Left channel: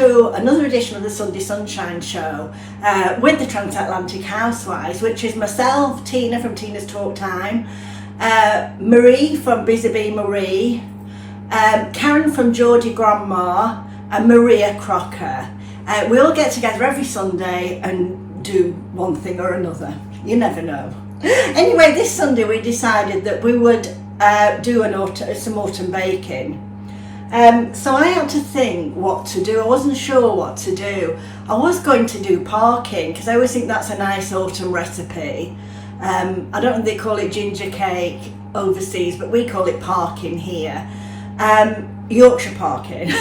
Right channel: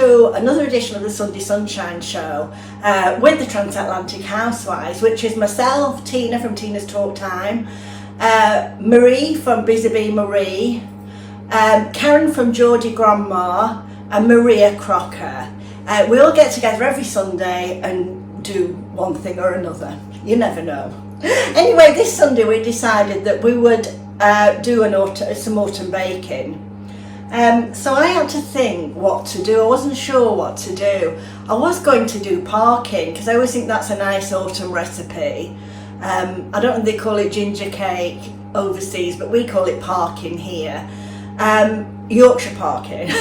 to another edition of the Sunday Sunshine Show with the Transatlantic housewives, which is myself, Tina from Tina's Talk Time, Marie from Busy Bee Marie, Karen from Geordie Grandma, and Maria Crocker. We all get together every Sunday and do one thing or another. You never know. Anyway, this Sunday we decided that we would do some autumn baking. So I had to think what to do. I wasn't sure what to do. I was going to do parking because I always think that's a nice autumn recipe. I don't know if they call it ginger cake overseas, but we call it parking here. Yorkshire parking.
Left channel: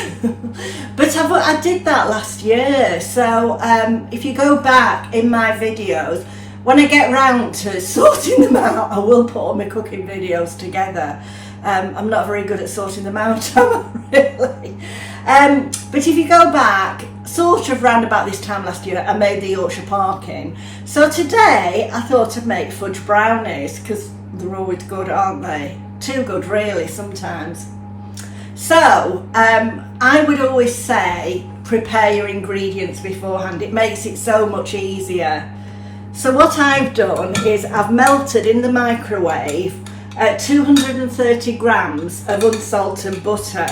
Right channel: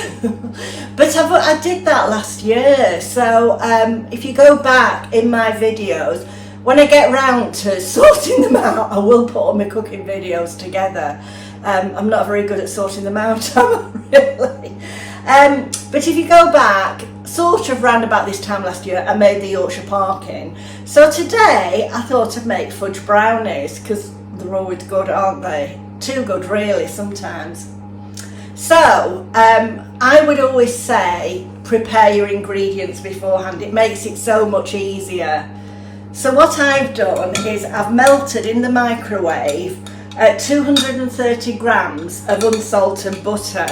But I did that last year. So if you go back in my videos, when I get round to sorting them out, I will put all my cooking videos together. I'm not very good at sorting them out, am I, really? But if you go back, sort of round about this time last year, I made the Yorkshire parking. So today, I thought I'd make fudge brownies, because they're always good, aren't they? Too good, really, sometimes. So, I would always say, prepare your ingredients beforehand. It makes it so much easier. So what I've done is I've melted in the microwave 230 grams of unsalted butter,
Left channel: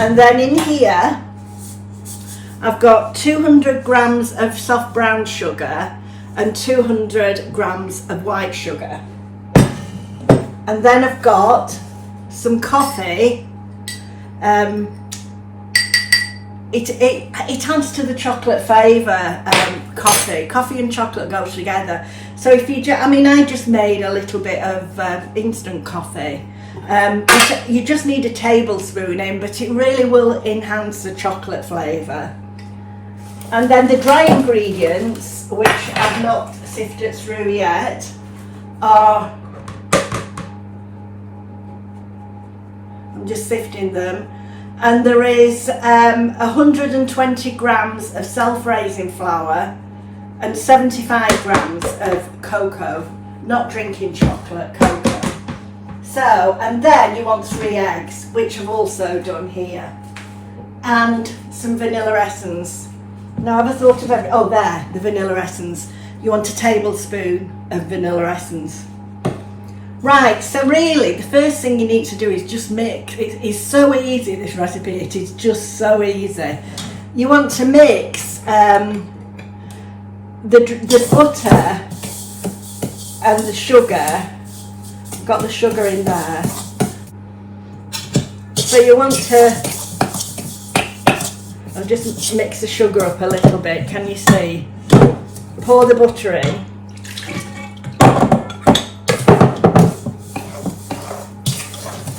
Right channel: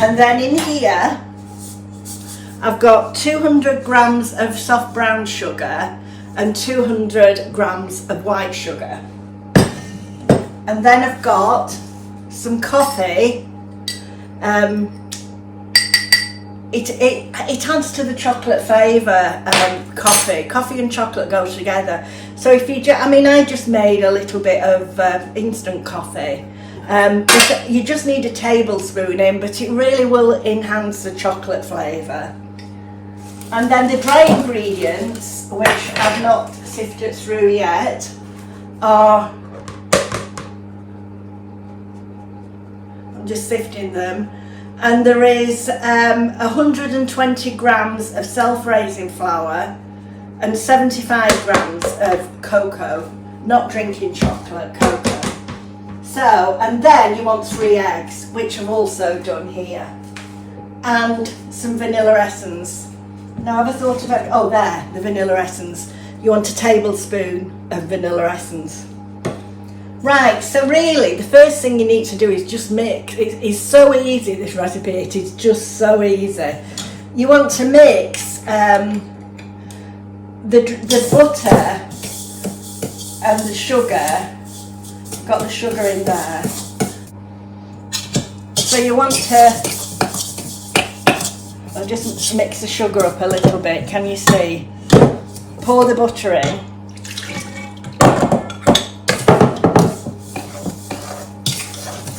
and then in here I've got 200 grams of soft brown sugar and 200 grams of white sugar, and then I've got some coffee. It adds to the chocolate flavour. Coffee and chocolate go together. So if you I just made a little bit of instant coffee. You just need a tablespoon in, but it really will enhance the chocolate flavour. And then the dry ingredients, which I've not sifted through yet, are, I'm just sifting them, and there is 120 grams of self-raising flour and 75 grams of cocoa, not drinking chocolate, cocoa. So, and then you want 3 eggs, which I've also done here, and some vanilla essence. Now, have I thought of oh, there, the vanilla essence. You want a tablespoon of vanilla essence. Right, so really, the first thing you need to do is just mix. It's so easy, this recipe, it is just so easy. You want to mix the butter and the sugar. I've got the sugar in there. So you want to, I'll just mix the sugar up a little bit, can you see? Pour the butter in.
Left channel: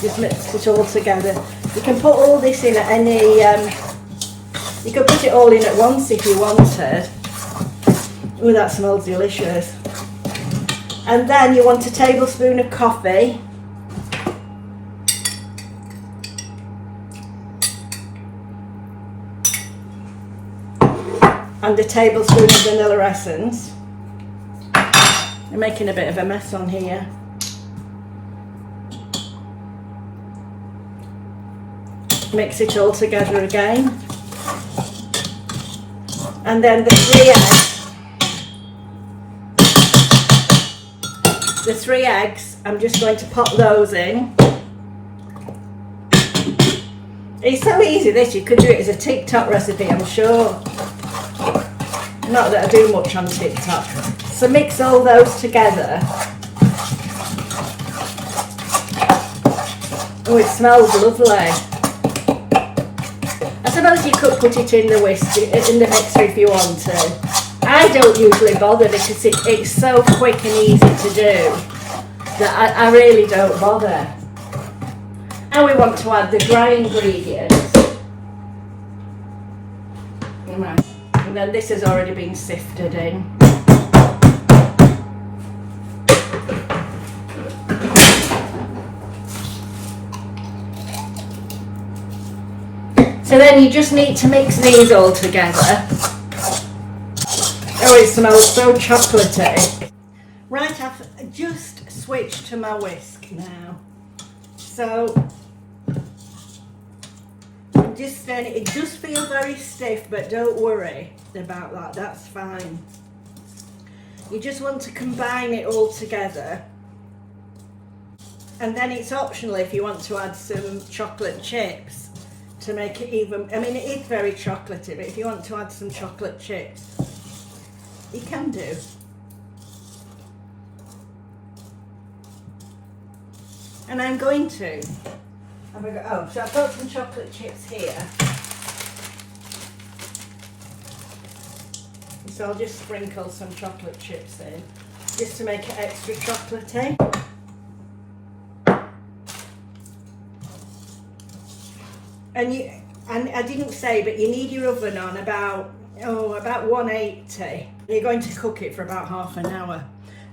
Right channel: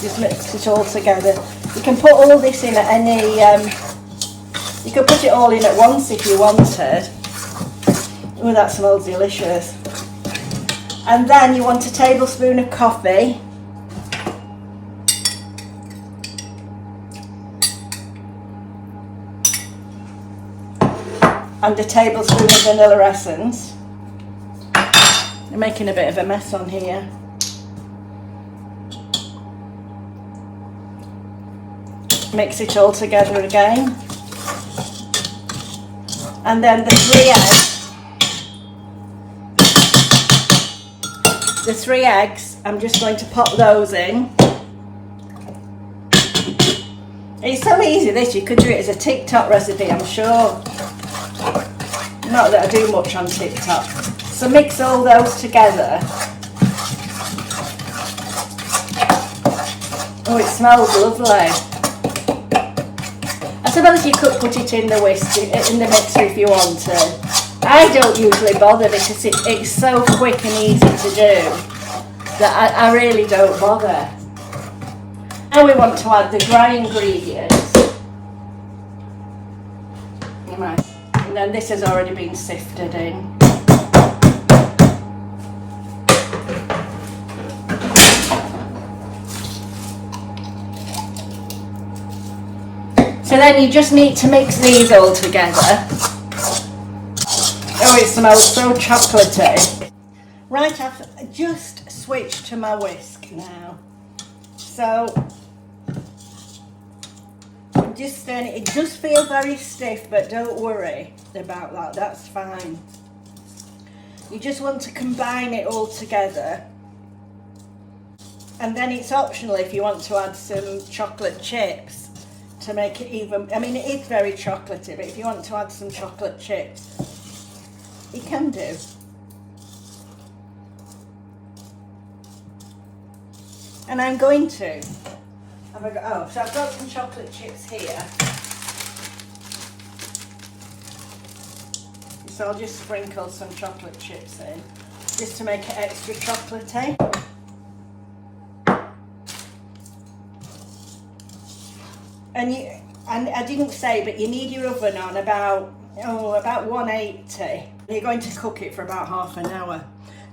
Just mix it all together. You can put all of this in at any, you could put it all in at once if you wanted. Oh, that smells delicious. And then you want a tablespoon of coffee. And a tablespoon of vanilla essence. I'm making a bit of a mess on here. Mix it all together again, and then the 3 eggs, I'm just going to pop those in. It's so easy, this, you could do it as a TikTok recipe, I'm sure. Not that I do much on TikTok. So mix all those together. Oh, it smells lovely. I suppose you could put it in the mixer if you want to. I don't usually bother because it's so quick and easy to do that I really don't bother. And we want to add the dry ingredients. Right. And then this has already been sifted in. So then you just need to mix these all together. Oh, it smells so chocolatey. Right, I've just switched to my whisk now. So I'm just just stirring it. It does feel very stiff, but don't worry about that, that's fine. You just want to combine it all together. And then it's optional if you want to add some chocolate chips to make it even, I mean it is very chocolatey, but if you want to add some chocolate chips, you can do. And I'm going to, so I've got some chocolate chips here. So I'll just sprinkle some chocolate chips in, just to make it extra chocolatey. And I didn't say, but you need your oven on about 180. You're going to cook it for about half an hour.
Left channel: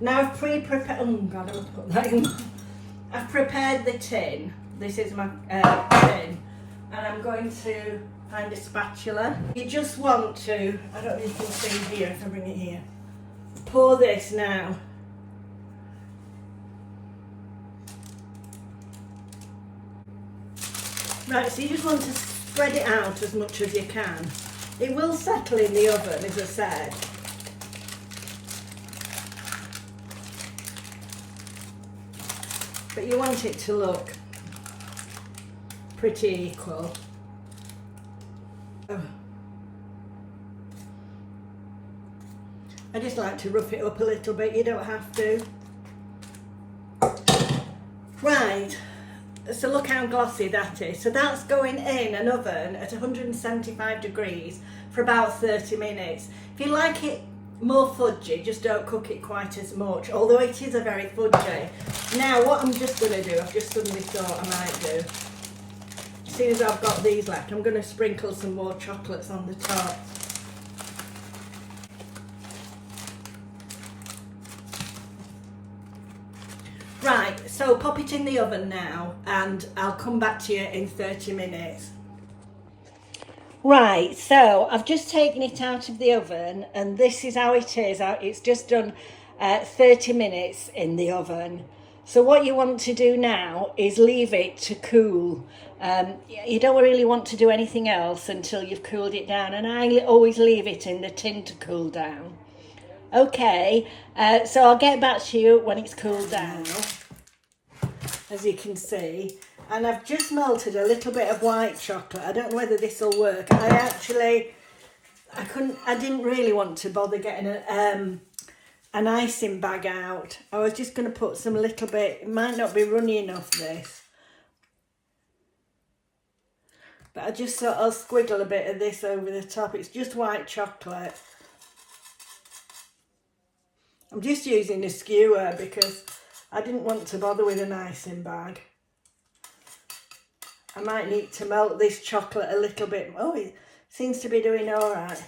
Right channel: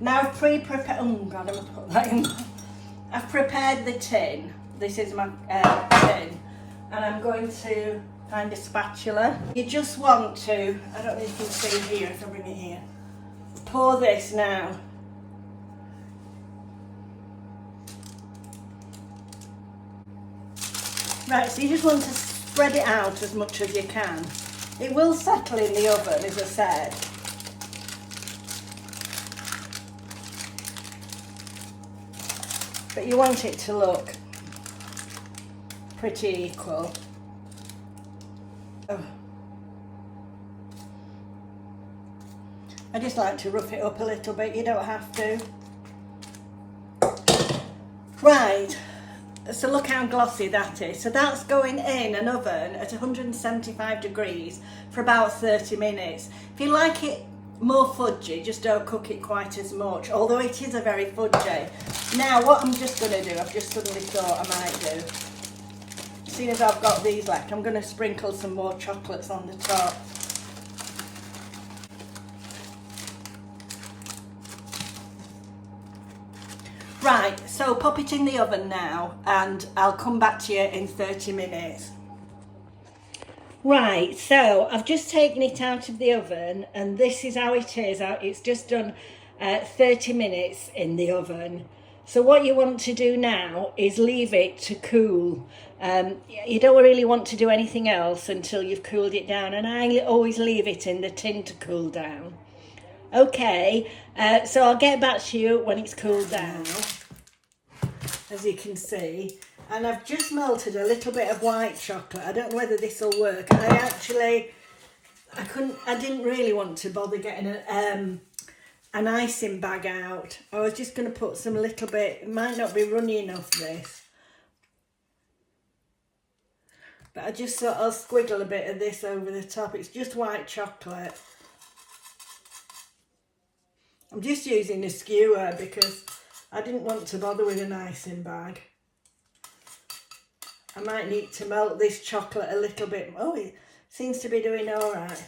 Now I've pre-prepared, oh God, I must put that in. I've prepared the tin. This is my tin. And I'm going to find a spatula. You just want to, I don't know if you can see here, if I bring it here. Pour this now. Right, so you just want to spread it out as much as you can. It will settle in the oven, as I said. But you want it to look pretty equal. Oh. I just like to rough it up a little bit, you don't have to. Right, so look how glossy that is. So that's going in an oven at 175 degrees for about 30 minutes. If you like it more fudgy, just don't cook it quite as much, although it is a very fudgy. Now what I'm just going to do, I've just suddenly thought I might do, as soon as I've got these left, I'm going to sprinkle some more chocolates on the top. Right, so pop it in the oven now and I'll come back to you in 30 minutes. Right, so I've just taken it out of the oven and this is how it is. It's just done 30 minutes in the oven. So what you want to do now is leave it to cool. You don't really want to do anything else until you've cooled it down, and I always leave it in the tin to cool down. Okay, so I'll get back to you when it's cooled down, as you can see. And I've just melted a little bit of white chocolate. I don't know whether this will work. I didn't really want to bother getting an icing bag out. I was just going to put some little bit, it might not be runny enough this. But I just thought I'll squiggle a bit of this over the top. It's just white chocolate. I'm just using a skewer because I didn't want to bother with an icing bag. I might need to melt this chocolate a little bit. Oh, it seems to be doing all right.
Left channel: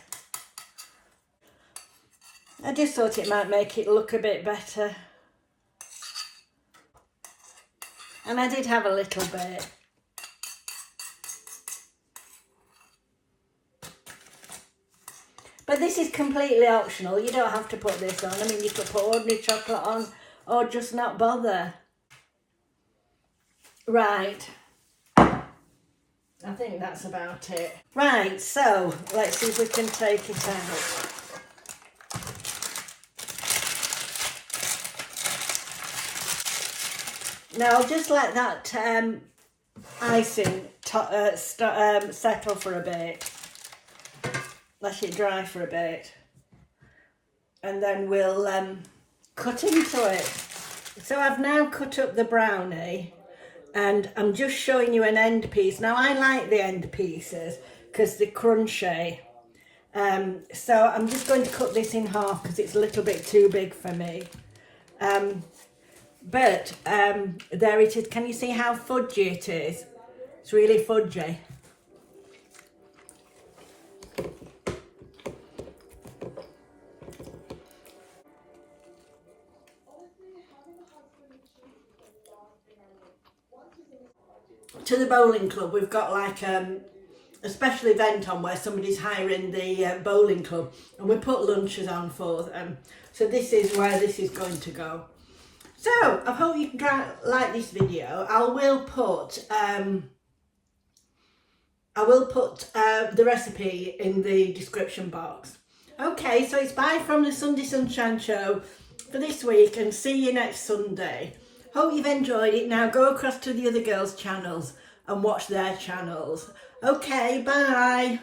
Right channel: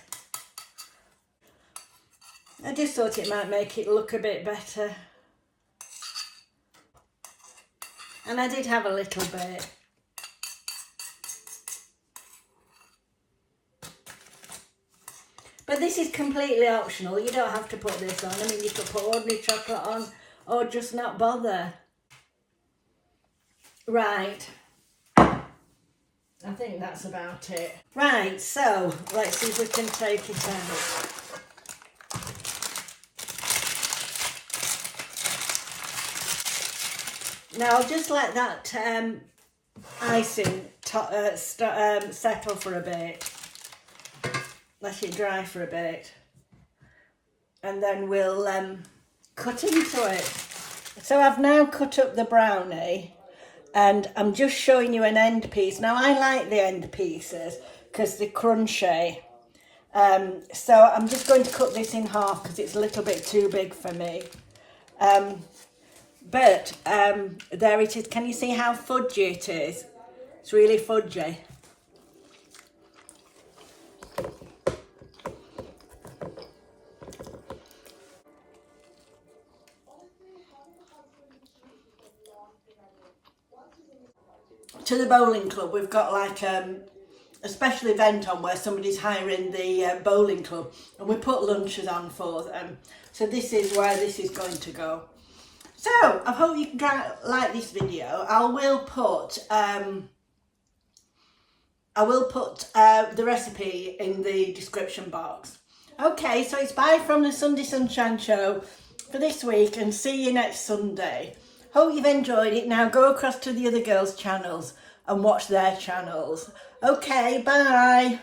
I just thought it might make it look a bit better. And I did have a little bit. But this is completely optional. You don't have to put this on. I mean, you could put ordinary chocolate on or just not bother. Right. I think that's about it. Right, so let's see if we can take it out. Now I'll just let that icing settle for a bit. Let it dry for a bit. And then we'll cut into it. So I've now cut up the brownie and I'm just showing you an end piece. Now I like the end pieces because they're crunchy. So I'm just going to cut this in half because it's a little bit too big for me. But there it is. Can you see how fudgy it is? It's really fudgy. To the bowling club, we've got like a special event on where somebody's hiring the bowling club, and we put lunches on for them. So this is where this is going to go. So I hope you like this video. I will put I will put the recipe in the description box. Okay, so it's bye from the Sunday Sunshine Show for this week, and see you next Sunday. Hope you've enjoyed it. Now go across to the other girls' channels and watch their channels. Okay, bye.